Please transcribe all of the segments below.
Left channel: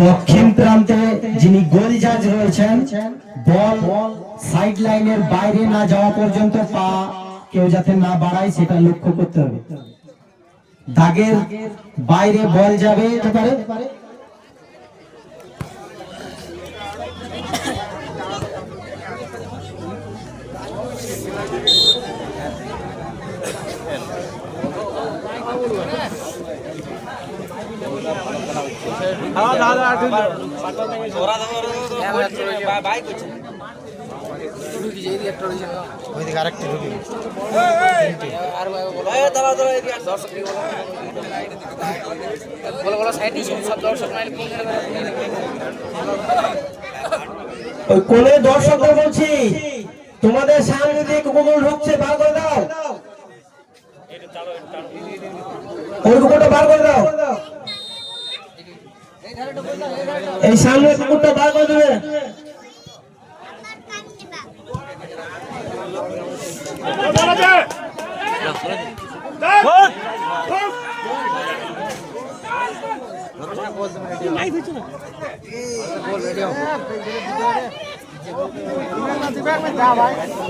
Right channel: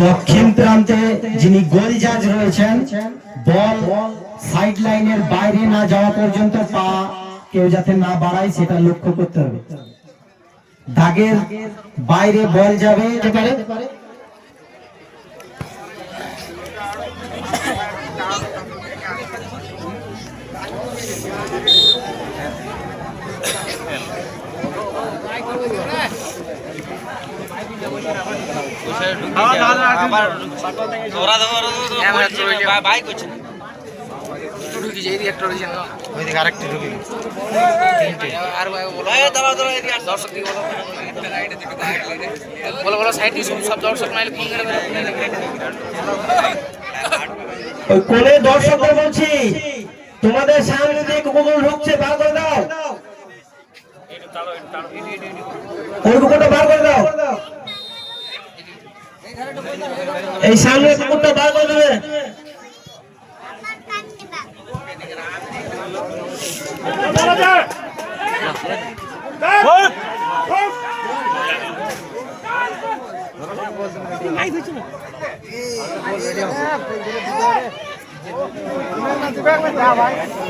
দক্ষিণ প্রান্তে যিনি গোল জাজ রয়েছেন, বল সাইড লাইনের বাইরে না যাওয়া পর্যন্ত পা কেউ যাতে না বাড়ায় সেটা লক্ষ্য করতে হবে। দাগের বাইরে বল যাবে কোলে দর্শকদের বলছি, তোমাদের সামনে দিয়ে কুকুর ঢুকছে, বার করে দাও, ওই কুকুরটা বার করে দাও, এই সামনে কুকুরটা বার করে দেবে।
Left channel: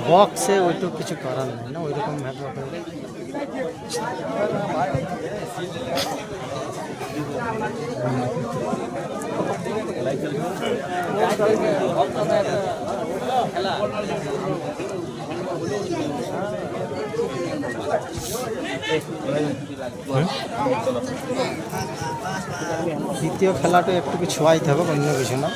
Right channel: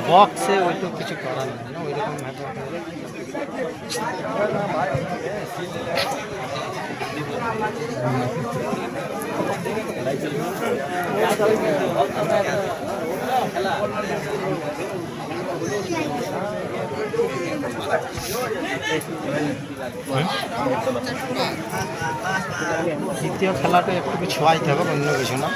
বক্সে ওই তো কিছু করার নেই, ওইরকম দ্বিতীয় খেলাটা একটু ছোঁয়াইতে হবে, অন্য কিছু না।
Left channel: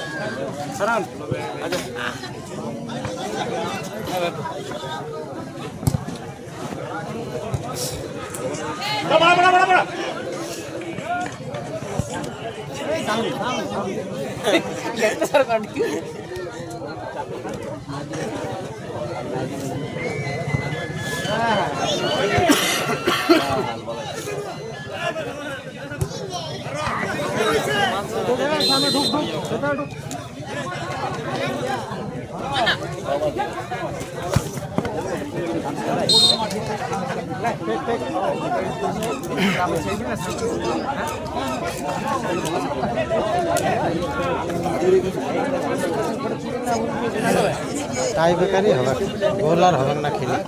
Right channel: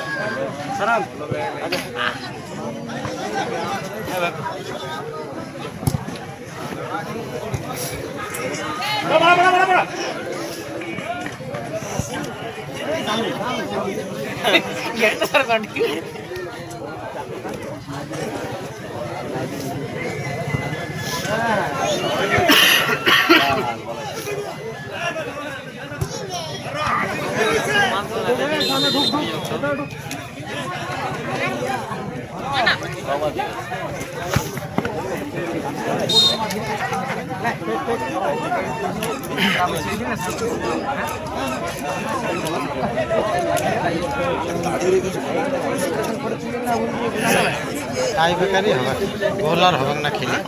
টাই বেকারই হবে, গোল আর হবে না খেলে।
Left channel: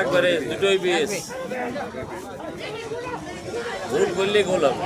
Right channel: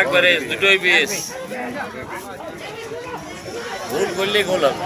একবারে দুটোই বেশ গোল করলে গোল হবে।